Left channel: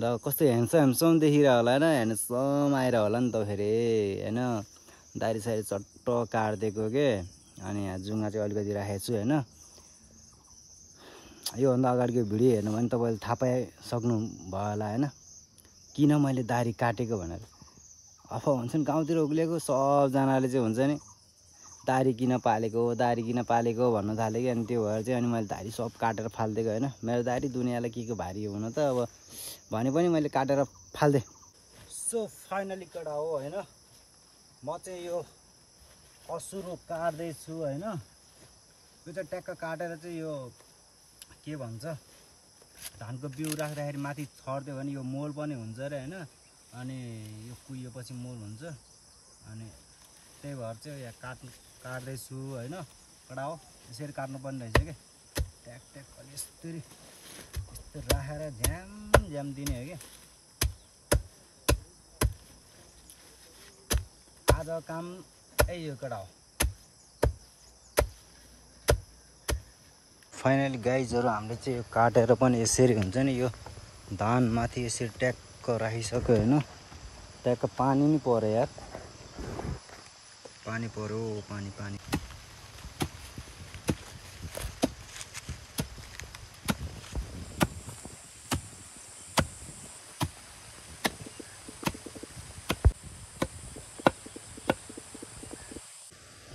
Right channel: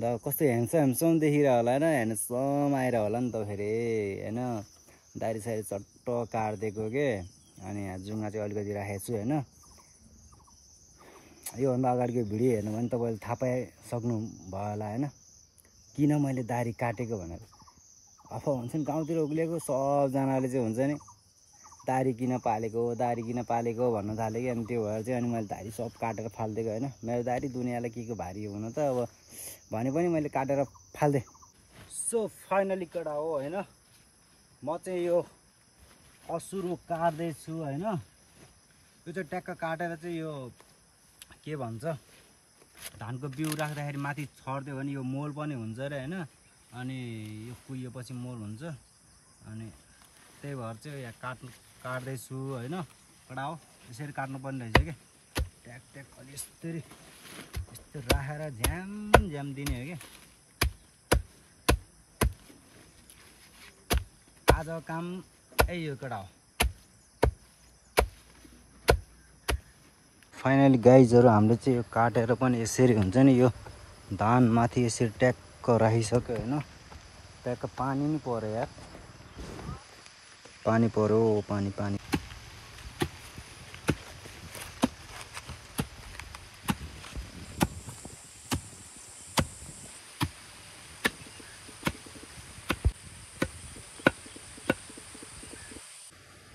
ल कस्तो ह्यान्डसम देखिरह होला हैन, ह्यान्डसम आएर होला नि त फेरि हैन। दारी सारी चट्ट काट्दिएको के, अनि यहाँ जुङ्गा चाहिँ अलिकति राखेको छु हैन। योभन्दा अगाडिको भिडियो हेर्नु भने तपाईँले थाहा पाइसक्नु भयो होला हैन, किन मैले दारी काटेको भनेर। अफा भन्छन् गाउँतिर उक्लेको सबजनाले चाहिँ हुन्छ नि दारी किन पालेको भन्न थाल्यो कि। अनि त्यो भएर चाहिँ अनि मैले दारी सब काटेर फालिदिएको हैन। मेरो दारी दुनियाँलाई के भारी हुन त, अब भने पनि मैले काटेर फाल्दे। सो फाइनली कडा हो हैन। म चाहिँ यो असुरो काट्दैछु हैन। यो चाहिँ ट्याक्क काटेर चाहिँ यो के भन्छ धानको बिउ राख्दाखेरि माथि छर्दियो भने यो मोल पनि हुन्छ रे हैन। अनि यो कुहिएपछि मोल हुन्छ, अनि त्यही भएर चाहिँ यहाँ काट्दैछु हैन। कडा हो, यसरी काट्नुपर्ने रहेछ कि। ट्याक ट्याक अलि यस्तरी यस्तो राखेर झ्याम दिने हो कि। आज काम यही हो कडा हो। फाइनली गाइजहरू हामीले चाहिँ यो काटेर पनि यसरी हुन्छ नि, यो धान माथि यसरी ट्याक्क राखिसक्यो हैन। ट्याक्क पानी नि पर्यो यार, पानी पर्यो पानी।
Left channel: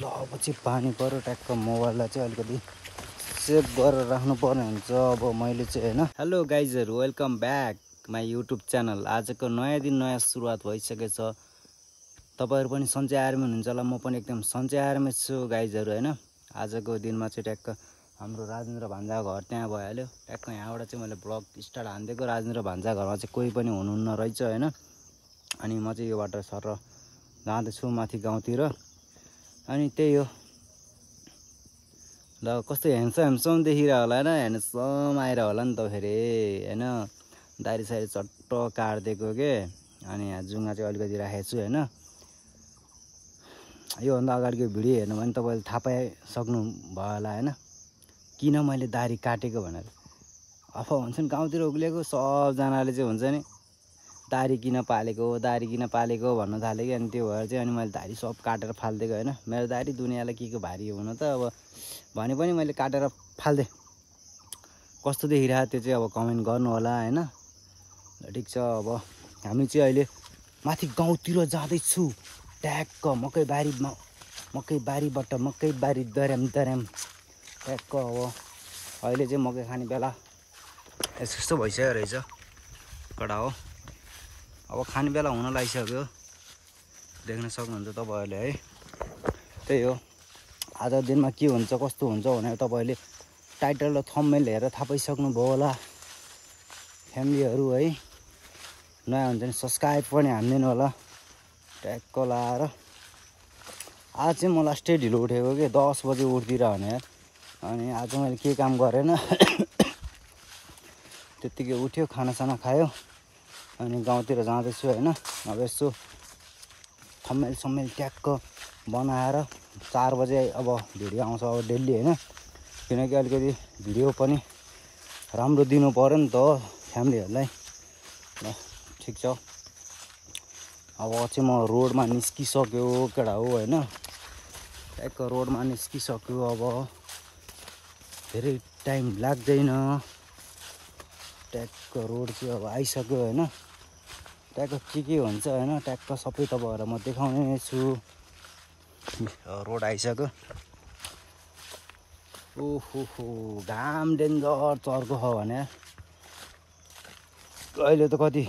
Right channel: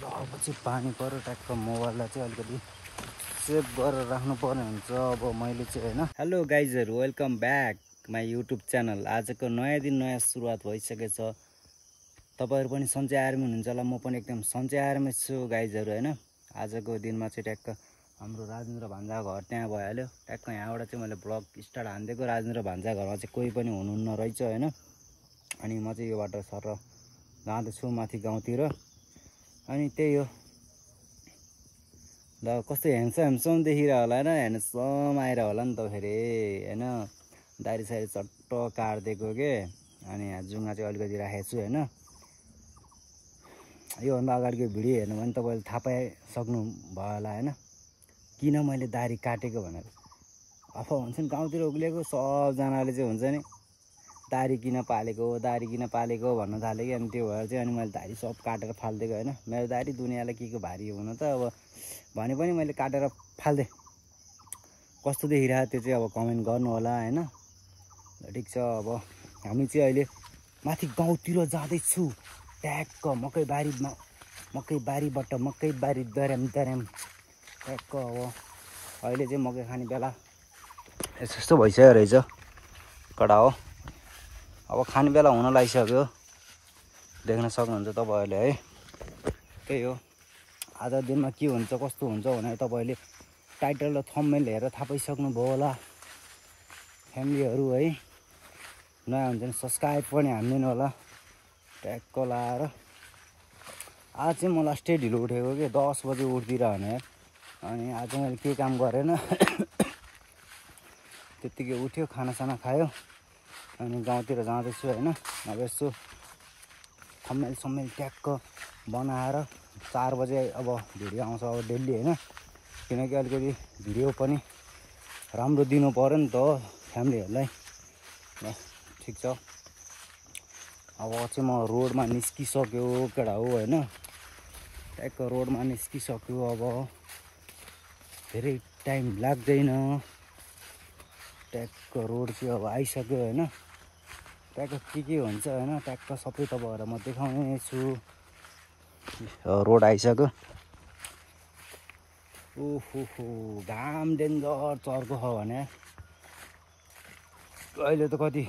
ल अब चाहिँ पानी पर्यो, ट्याक्क मोबाइललाई चाहिँ अलिकति सेभ गरेर राख्नु पर्ने हुन्छ अब मैले चाहिँ हैन। हेलो गाइजहरू, welcome back my YouTube channel. आजको नयाँ दिन नयाँ सुरुवात भइसकेछ। तपाईँहरू पनि सन्चै आर्मी हुनुहुन्छ होला, म पनि एकदम सन्चै आर्मी छु गाइजहरू हैन। आजको दिनमा चाहिँ ट्याक्क हाम्रो राजेन्द्र भान्जा घर त्यहाँ भइहाल्यो। ट्याक्क यहाँबाट चाहिँ मैले ब्लग स्टार्ट हानिदिएको। राजेन्द्र भान्जा घरमा चाहिँ कोही पनि हुनुहुन्न रहेछ हैन। अनि म चाहिँ यो बाटो सर जाँदैछु माथि गाउँतिर। अनि त्यही हो, ल कस्तो ह्यान्डसम देखिरह होला हैन, ह्यान्डसम आएर होला नि त फेरि हैन। दारी सारी चट्ट काट्दिएको के, अनि यहाँ जुङ्गा चाहिँ अलिकति राखेको छु हैन। योभन्दा अगाडिको भिडियो हेर्नु भने तपाईँले थाहा पाइसक्नु भयो होला हैन, किन मैले दारी काटेको भनेर। अफा भन्छन् गाउँतिर उक्लेको सबजनाले चाहिँ हुन्छ नि दारी किन पालेको भन्न थाल्यो कि। अनि त्यो भएर चाहिँ अनि मैले दारी सब काटेर फालिदिएको हैन। मेरो दारी दुनियाँलाई के भारी हुन त, अब भने पनि मैले काटेर फाल्दे। कस्तो देखिरहेको त्यो चाहिँ अब कमेन्ट गर्नु होला हैन। ठिक छ, अब हामी चाहिँ अहिले माथि गाउँतिर जाँदैछु। ट्याक्क मकै बारीबाट मकै बारी दर्याम ट्याक्क अब अहिले चाहिँ मकै खाने बेला यस्तो भइसक्यो रहेछ। कडा हो, अब खाने बेला हुन लागिसक्यो, देख्न सक्नुहुन्छ तपाईँहरूले है। त्यही हो, आज दिनमा के हुन्छ कस्तो हुन्छ भनेर तपाईँहरूले टाइटल र थम्बनेल हेरेर थाहा पाइसक्नु भयो होला। फ्यामिलीहरू है नयाँ हुन्छ नि सब्सक्राइब पनि हान्दिनु होला ट्याक्क लाएर। आज चाहिँ म लास्टै ढिलो उठेको कि 10 बजे उठ्दिरह भने। अनि आज मैले के काम गरेन त्यत्तिकै उठ्यो, खानासाना खायो, अनि गाउँतिर जाँदैछु हैन। अब यसो थम्बनेल ट्याक्क बनाएर 4 बजे अब भिडियो आउँछ अब डेली हैन। किनकि अलिकति भिडियो पनि राम्रो दिनु पर्यो नि त फ्यामिलीहरूलाई। ल ठिक छ, अब चाहिँ म रोडमा निस्किसक्यो केटा हो हैन। ट्याक्क रोडमा निस्किसक्यो, अब धेरै टाइम लाग्दैन। ट्याक्क रोड चाहिँ अब आइसक्यो हैन। ट्याक्क के हुन्छ हैन, ट्याक्क सबै तपाईँहरूलाई म देखाउने छु। रोड आइसक्यो। ओहो घाम डेन्जर चर्को छ भने। अहिले त कति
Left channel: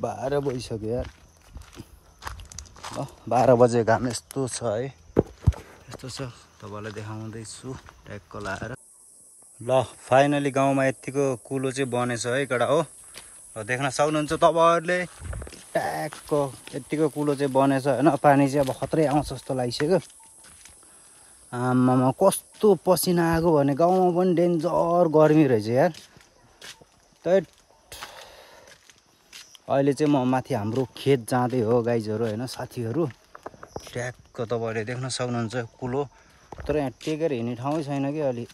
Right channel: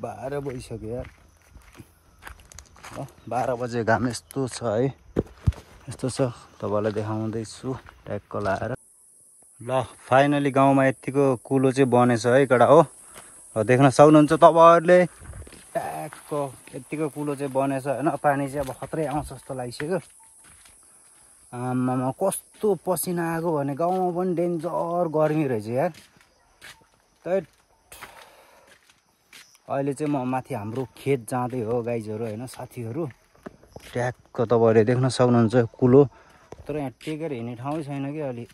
12 बजिसक्यो यार। 12 बजे घाम यस्तो छ है, यस्तो छ तपाईँलाई देखाउँदैछु ट्याक्क लाएर। ल फाइनली गाउँमा यतिको कुलो चाहिँ बनेछ है कडा हो। देख्न सक्नुहुन्छ तपाईँहरूले ट्याक्क यतिको कुलो चाहिँ बनेछ हैन। पानी चाहिँ अब खत्रै आउँछ जस्तो लागिसक्यो। आमामा कस्तो पसिना आएको भने, गाउँमा पनि डेन्जर गर्मी रहेछ यार। त्यही अहिले चाहिँ म माथि हाम्रो खेत जाँदै हो गाइजहरू हैन, साथीहरू। ट्याक्क तपाईँहरूले देख्न सक्नुहुन्छ कुलो, तर यहाँ टेकेर हिँड्ने ठाउँै छैन कि अलि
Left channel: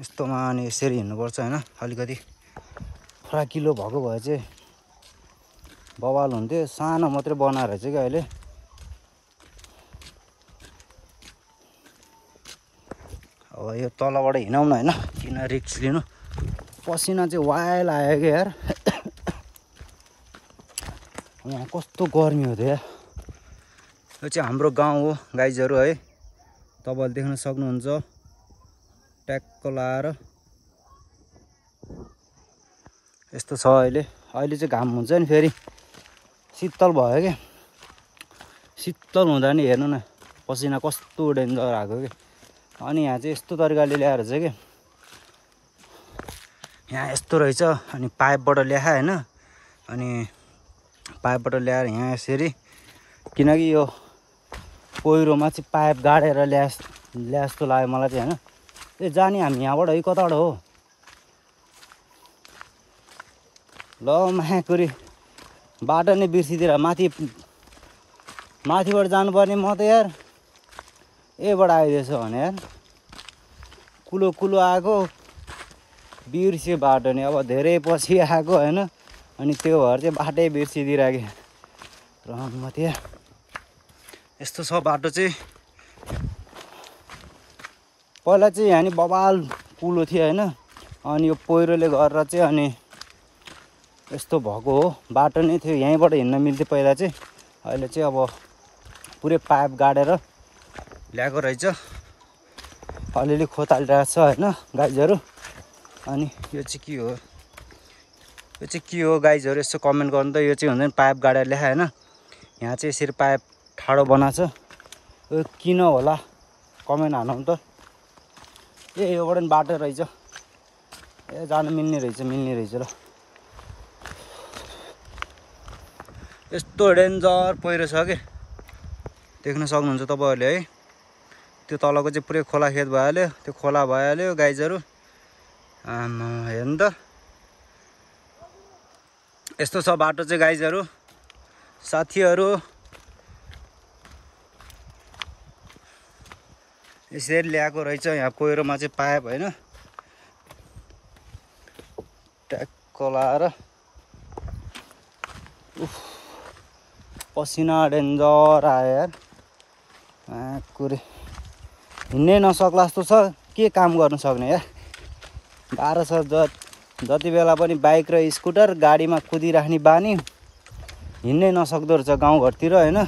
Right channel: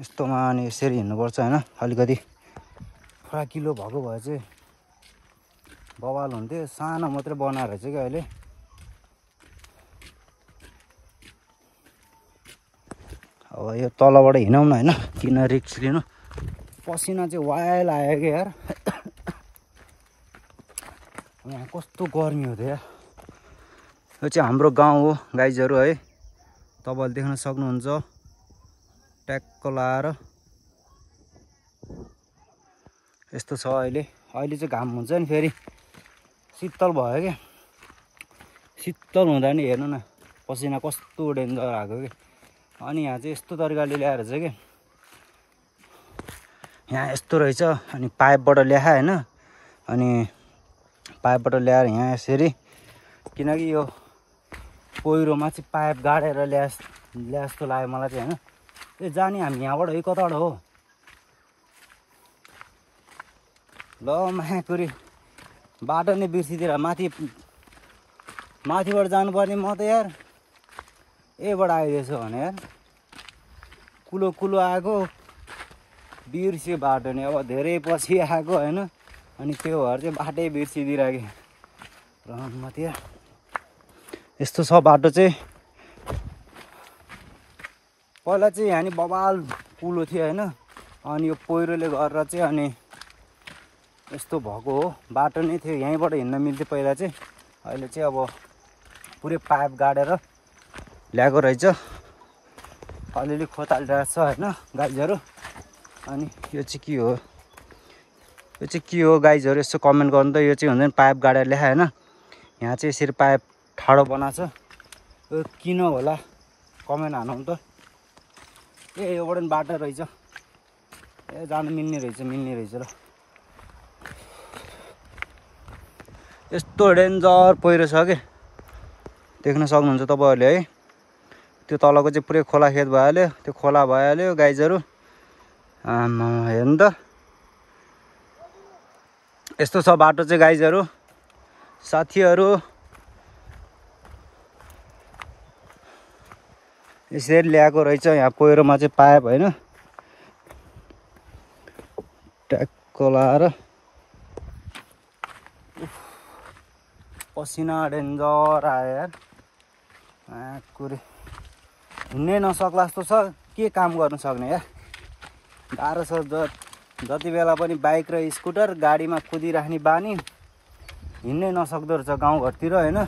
यस्तोमा। अनि यसरी हिँड्नुपर्छ हैन, अलिकति फराकिलो भएको भए चाहिँ बवाल हुन्थ्यो। सानो मात्रै बनाएर चाहिँ क्या अहिले। अब यो तलबाट हिँडौँ न होइन, किन रिक्स लिनु। पसिना चाहिँ वाइल आयो क्या यार। यहाँ कस्तो गर्मी हो त यार। यो चाहिँ हाम्रो गाउँ हो गाइजहरू है, तपाईँले देख्न सक्नुहुन्छ। ट्याक्क लाएर यस्तो छ अहिले। अहिले चाहिँ घाम हुन्छ नि फेरि शीतल भयो क्या। शीतल हुँदा नि हेर्नु न पसिना कस्तो डेन्जर आएको क्या। अनि यहाँ चाहिँ यस्तो तरिकाले ल्याएर चाहिँ क्या, यहाँ यस्तो रहेछ। अनि पाइपबाट ल्याए होइन, अनि पाइपबाट ल्याएर यहाँ यसरी, किनकि यो पहिरोमा चाहिँ पाइप गाडेर ल्या जस्तो लाग्यो मलाई चाहिँ होइन। ए जाने हामी यहाँबाट है, कताबाट हो ल मायाकुरी बाटो नै बिर्सिदिएर माथिबाट जानुपर्ने म त यार एबाट आइदिएछ भने यार कुलो कुलो आएको बिर्स्यो बाटो नि। अब धेरै पछि आएको होइन, अनि त्यो भएर चाहिँ बाटै बिर्सिदिइराखेँ र त्यहाँ यस्तो छ बाटो चाहिँ। पहिला चाहिँ यहाँ नि बबाल कुलो थियो होइन, अनि यो पहिरोले गरेर चाहिँ अनि यस्तो भएको हो। बाटो नै थियो, यहीँबाट हिँड्न मिल्थ्यो पहिला चाहिँ। अहिले चाहिँ अब पुरै पाइप गाडेर ल्याएको रहेछ। अलिअलि खोतालिरहेको छ होइन गाइजहरू। अनि यो चाहिँ के हो, यो चाहिँ के हो गाइजहरू यसो कमेन्ट गर्नु त। यो चाहिँ हुन्छ नि पाइप गाडेर ल्याए होइन। यहाँ चाहिँ यसरी पाइप ठाडो बनाएको छ, यो किन होला कमेन्ट हानौँ त। ए योबाट पनि बाटो रहेछ, ए जानु मिल्ने रहेछ ल। यस्तो डेन्जर पहिरो छ कि देख्न सक्नुहुन्छ तपाईँहरूले है। त्यो तलको चाहिँ पुरै खोला खेत भइहाल्यो, त्यो खोला भइहाल्यो गाइजहरू। आमा हेर्नु त यस्तो छ बाटो चाहिँ गाइजहरू। साथीहरू यसरी ल्याएको रहेछ यहाँ पहिरोमा चाहिँ पाइप होइन, ट्याक्क लाएर। पसिना डेन्जर आयो यार। कुरे हिँड्नै नसक्ला जस्तो छ, के काम गर्नु सक्ने यार, गाह्रो छ। जति बेला पनि बाइक र स्कुटर गाडीमा कुदिराख्ने बानी, हिँड्नै नसक्दो रहेछ गाउँघरतिर होइन।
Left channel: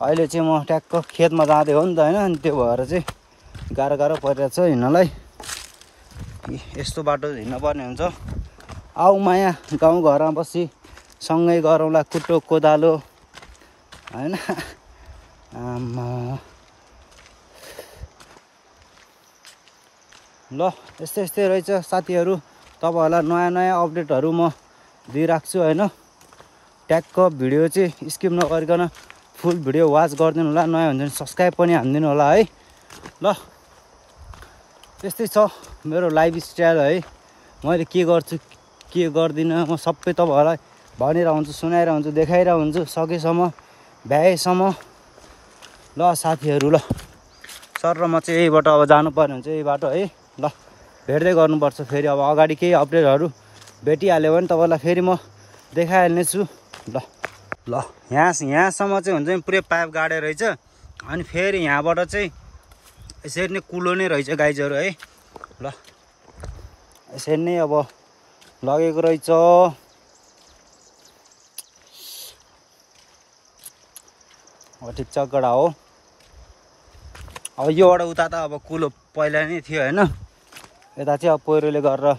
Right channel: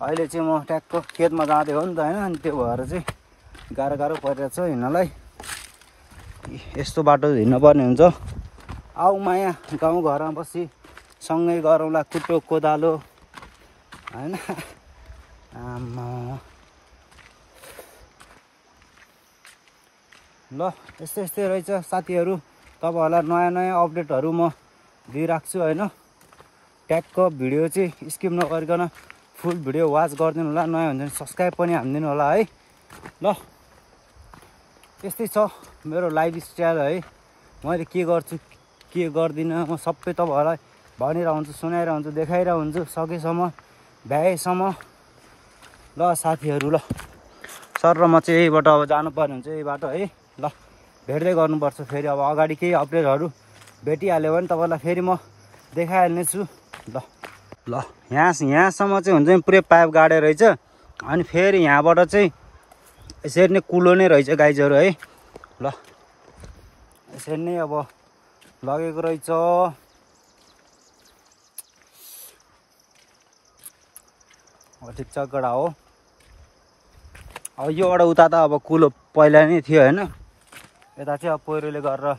अहिले चाहिँ म ट्याक्क खेतमा जाँदै हो नि त होइन, अनि त्यो भएर चाहिँ गाह्रो परिरहेको छ हिँड्नलाई। यस्तो बाटो हिँड्नुपर्ने हुन्छ। आऊ माया गाउँघरमा बसी सँगै गरौँला कुटो कोदालो होइन। आमा ल यस्तै रहेछ साथीहरू। तपाईँहरूलाई नयाँ अपडेटहरू म दिइराख्छु होइन। ट्याक्क भिडियो चाहिँ स्किप नगरिकन फुल भिडियो वाच गरिदिनु होला। नयाँ हुन्छ भने सब्सक्राइब पनि हानिदिनु होला है ल। यस्तै छ मेरो लाइफ स्टाइल है। मैले के गर्छु के गर्दिनँ म सबै तपाईँहरूलाई भनिरहेको हुन्छु, सुनाइरहेको हुन्छु, देखाइरहेको हुन्छु सकेसम्म भ्याएसम्म ल साथीहरू। ल सर र म चाहिँ यहीबाट अब जानुपर्ने हुन्छ, यही बाटो है ल। भेट्दै गर्नुपर्छ फेरि, अब अगाडि केही अपडेटहरू भेटिहाल्यो भने तपाईँलाई फेरि म देखाइहाल्ने छु ल। यहाँसम्म चाहिँ हुन्छ नि पुरै पाइप गाडे रहेछ। अनि फेरि यहाँबाट चाहिँ यसरी नै कुलो नै रहेछ गाइजहरू है ल। यसरी नै अब लगेको रहेछ। अब ठिक छ गडा हो। अब योबाट उता त अब कुलो पहिला नै थियो होइन, यता चाहिँ अब पहिरोले गरेर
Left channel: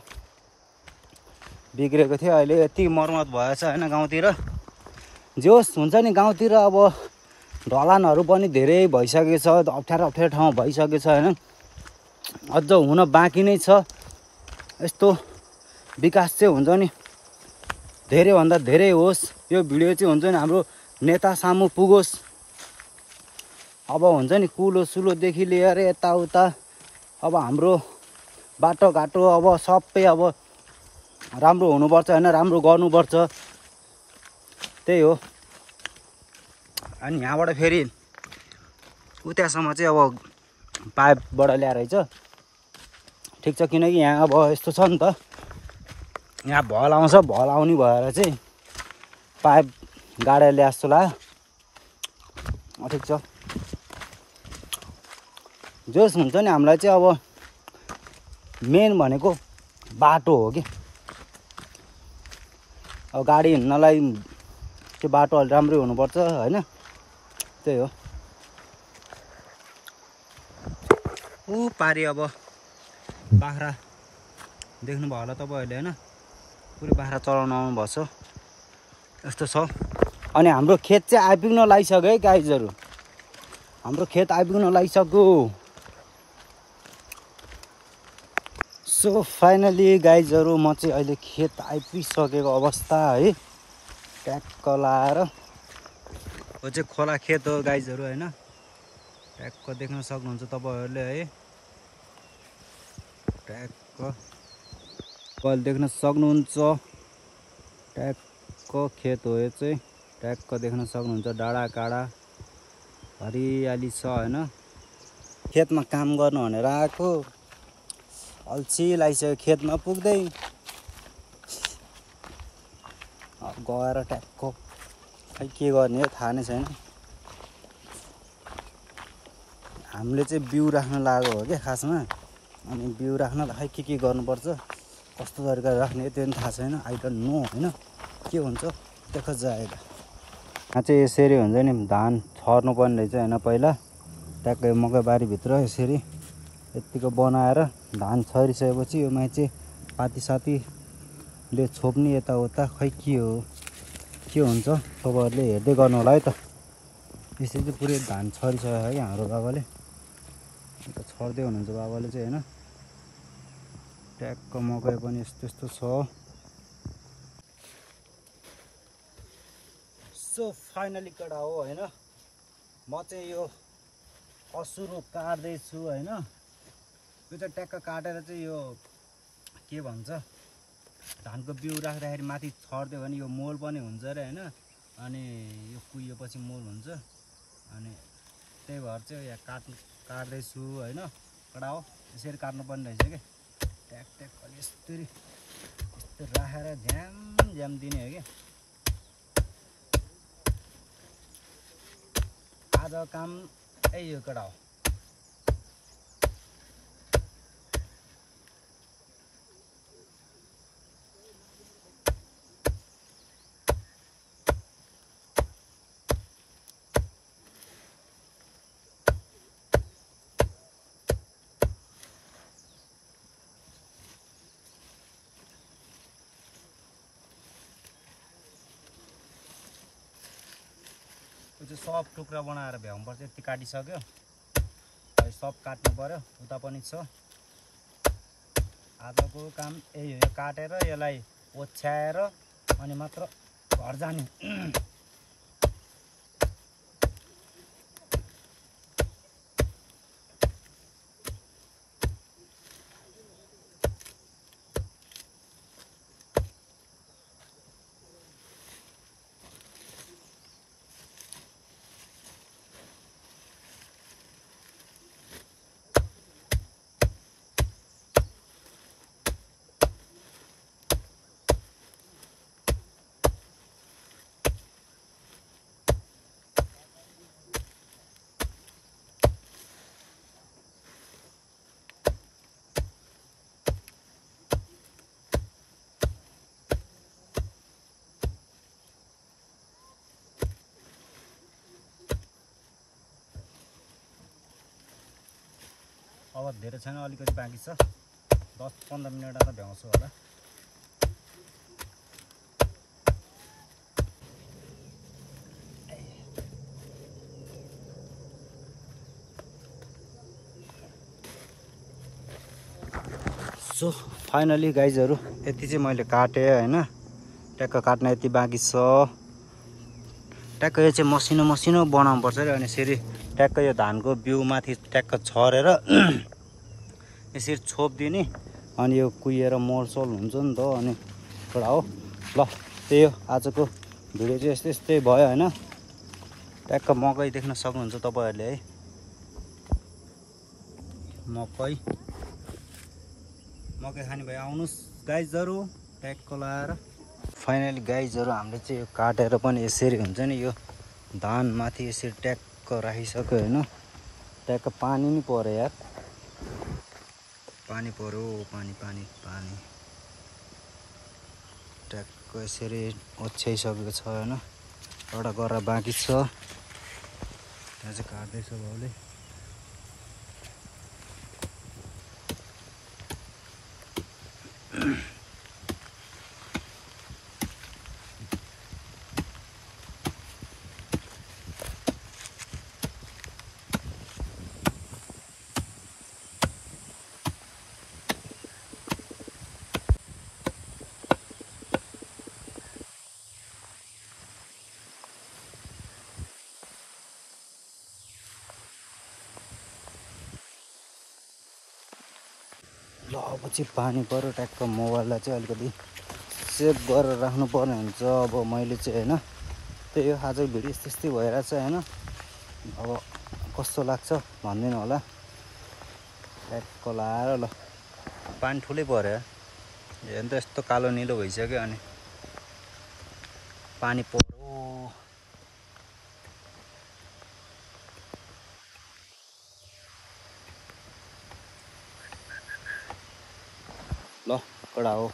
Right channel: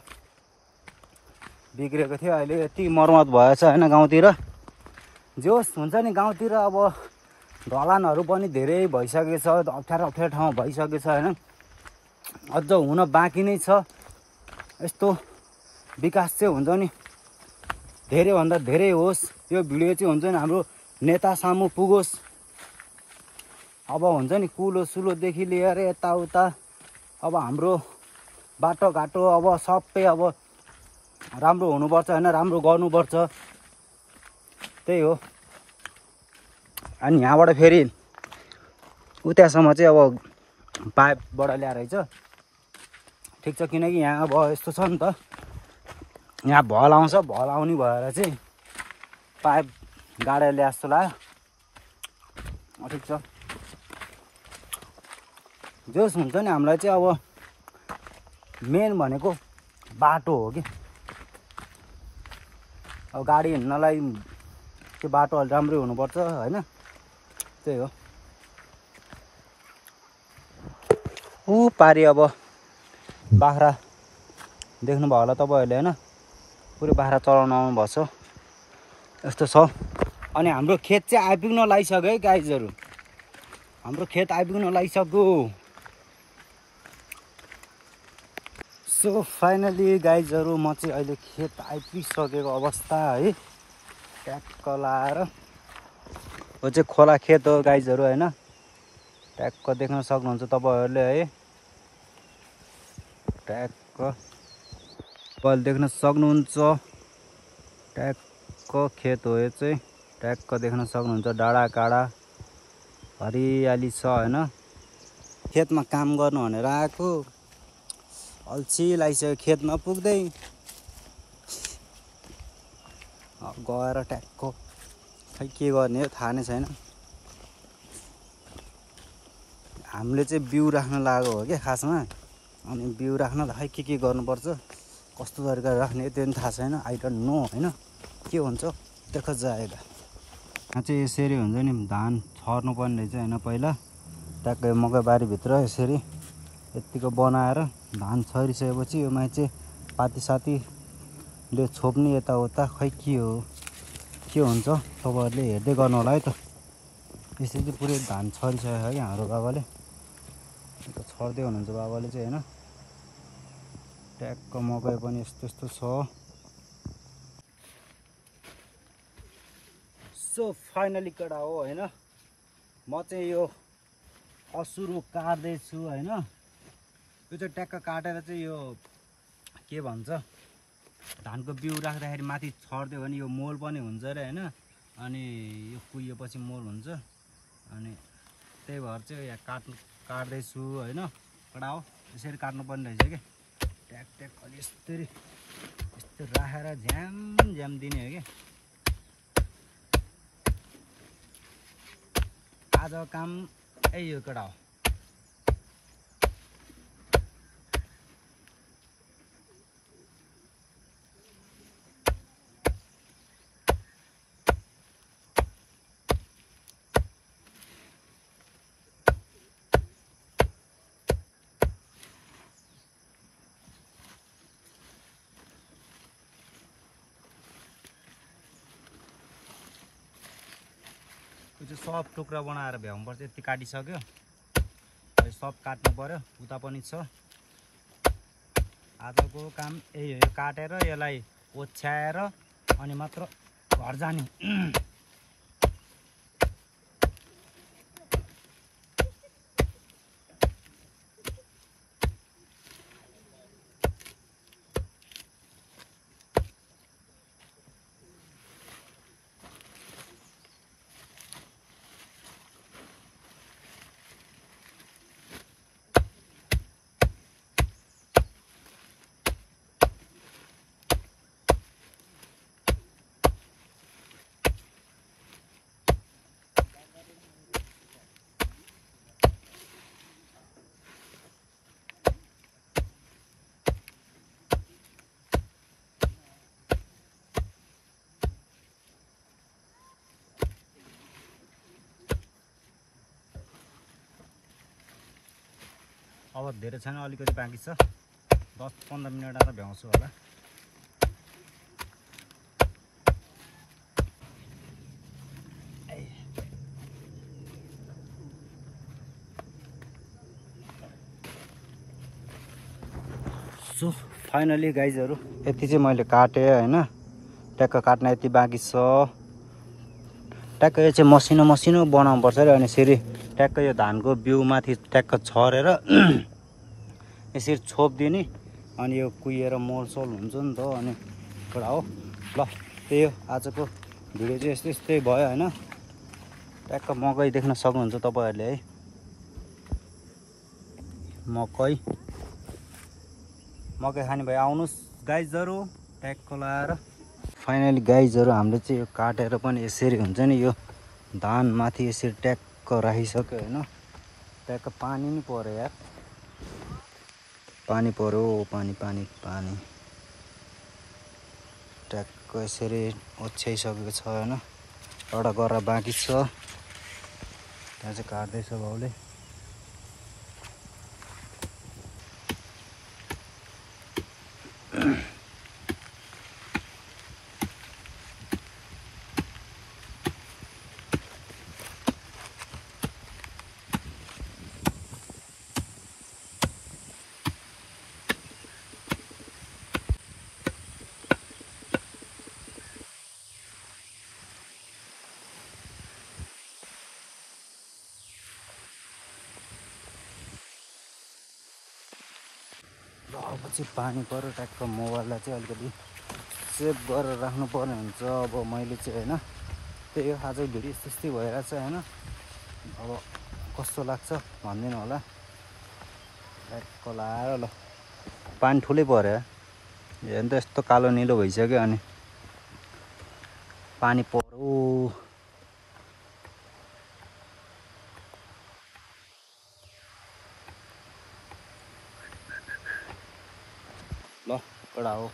बिग्रेको थियो। अहिले यति मर्मत भएछ होइन गाउँतिर। जे होस् हुन्छ नि गाउँतिर अब ढलानहरू पनि धेरै भइसकेको छ, अप्ठ्यारो ठाउँ भइसकेको छ होइन। अझ हुन बाँकी नै छ। यस्तो विकास चाहिँ हुन्छ नि धेरैभन्दा धेरै होस्। यो भिडियो चाहिँ हुन्छ नि हाम्रो नेता सामु पुगोस्। अब हुन्छ नि कुलो सुलोदेखि लिएर यताउता अब हाम्रो बाटोघाटो अब सबै अब राम्रो हुनुपर्छ होइन, राम्रो गर्नुपर्छ, त्यही हो। अनि यहाँबाट फेरि उतासम्म चाहिँ अब पाइपबाट ल्याएर रहेछ। ठिक छ, किनकि यहाँ अब यस्तो छ नि त, यहाँ भल आउँछ, भल आउने भएर चाहिँ पाइप गाडेर ल्याए जस्तो लाग्यो। ठिक छ, जोस हुन्छ नि हामीलाई चाहिँ अब मेन भनेको बाटो हो कि। अब गाडी हिँड्नलाई त्यो बाटो अलि राम्रै हुनुपर्छ होइन, त्यही हो। ऊ पारि अब बाख्रा देख्नुभयो होला तपाईँहरूले होइन, पुरै बाख्रा चलाउन आउनुभएको छ यस्तो छ। अनि हाम्रो खेत चाहिँ आइपुग्न लागिसक्यो है गाइजहरू, हाम्रो खेत आइपुग्न लागिसक्यो। सो फाइनली गाइजहरू म चाहिँ अहिले खेत आइपुगिसकेको अवस्था है, ट्याक्क लाएर। यो चाहिँ खोला खेत हो गाइजहरू होइन, ट्याक्क देख्न सक्नुहुन्छ तपाईँहरूले है, ट्याक्क तपाईँले देख्न सक्नुहुन्छ। ट्याक्क खेत हो यो चाहिँ, ट्याक्क देख्न सक्नुहुन्छ। डाँडा काँडा हरियाली छ होइन। खेतमा काम गर्नु भनेर आएको, अल्छी लागिसक्यो खेतमा पुग्दै। अब गएर ट्याक्क खै के गर्ने हो थाहा नै छैन। हामीले चाहिँ बिउ राख्न लागेको हो क्या खासमा, अनि बिउ राख्नलाई खै के गर्नुपर्छ, कस्तो तरिकाले राख्ने त्यो पनि थाहा छैन। आई डोन्ट नो होइन, के हुन्छ देखा जाएगा। यहाँ चाहिँ यसरी हुन्छ नि, धान छर्नु पर्ने रहेछ होइन। पहिला ट्याक्कै मकै बारीभित्र यसरी यत्तिको बनाएर धान छरिसकेपछि यो माथि चाहिँ पातीसातीले छोप्ने यताउता, खै के हो के हुन्छ तपाईँहरूले हेर्दै गर्नु होला है त। यसरी चाहिँ पुरै धान छरिसक्यो है हाम्रो बाबाले, छर्दै हुनुहुन्छ बाबाले चाहिँ होइन। ट्याक्क मकै पनि यस्तो यस्तो छ। सो फाइनली कडा हो होइन, म चाहिँ यो असुरो काट्दैछु होइन। यो चाहिँ ट्याक्क काटेर चाहिँ यो के भन्छ, धानको बिउ राख्दाखेरि माथि छरिदियो भने यो मोल पनि हुन्छ अरे होइन। अनि यो कुहिएपछि मोल हुन्छ, अनि त्यही भएर चाहिँ यहाँ काट्दैछु होइन। कडा हो, यसरी काट्नुपर्ने रहेछ क्या। ट्याक ट्याक अलि यस्तरी यस्तो राखेर झ्याम झ्याम दिने हो क्या। आज काम यही हो कडा हो। त्यो सब टुक्रा बनाएर भ्याउनुपर्छ, यति काटिसक्यो। सब काट्नु पर्यो, उता पनि छ। आजको काम यही हो, यो काटेर यसलाई ओछ्याएर अनि मात्र घर जाने। अब धेरै छैन, अलिकति बाँकी छ। 10-15 मिनट त भ्याउँछु होला। सो फाइनली गाइजहरू यति चाहिँ मैले काटेँ होइन। ट्याक्क काट्न यति बाँकी छ। ट्याक्क यो चाहिँ मसिनो मसिनो बनाउनु पर्छ अरे। अनि यसरी ट्याक्क यो धानको बिउ माथि ट्याक्क छरेर यसरी छोपिदिने, अनि यो कुहिएर मोलसोल हुन्छ नि त। अनि एउटा हो ल, त्यही हो आजको भिडियो चाहिँ यस्तै यस्तै भयो होइन। ट्याक्क मकै देख्न सक्नुहुन्छ तपाईँहरूले है, मकै खाने भए आउनुहोस् गाइजहरू। ट्याक्क लाएर फाइनली गाइजहरू हामीले चाहिँ यो काटेर पनि यसरी हुन्छ नि यो धान माथि यसरी ट्याक्क राखिसक्यो होइन। ट्याक्क पानी नि पर्यो यार, पानी पर्यो, पानी पानी पानी ट्याक्क यसरी ओछ्याइसकेको छ होइन। एउटा गरेर बाँकी छ, त्यहाँ चाहिँ काट्दैछ बाउले। ल अब चाहिँ पानी पऱ्यो, ट्याक्क मोबाइललाई चाहिँ अलिकति सेभ गरेर राख्नु पर्ने हुन्छ। अब मैले चाहिँ होइन त्यही हो, आजको भिडियो यस्तो यस्तै भइरहेछ होइन। अब कस्तो लाग्छ भनिदिनु होला। ट्याक्क लाएर ल पानी ठुलै पऱ्यो हेर्नु त, यस्तो कालो निलो भइसक्यो। अनि पानी पर्यो, ल कडा हो।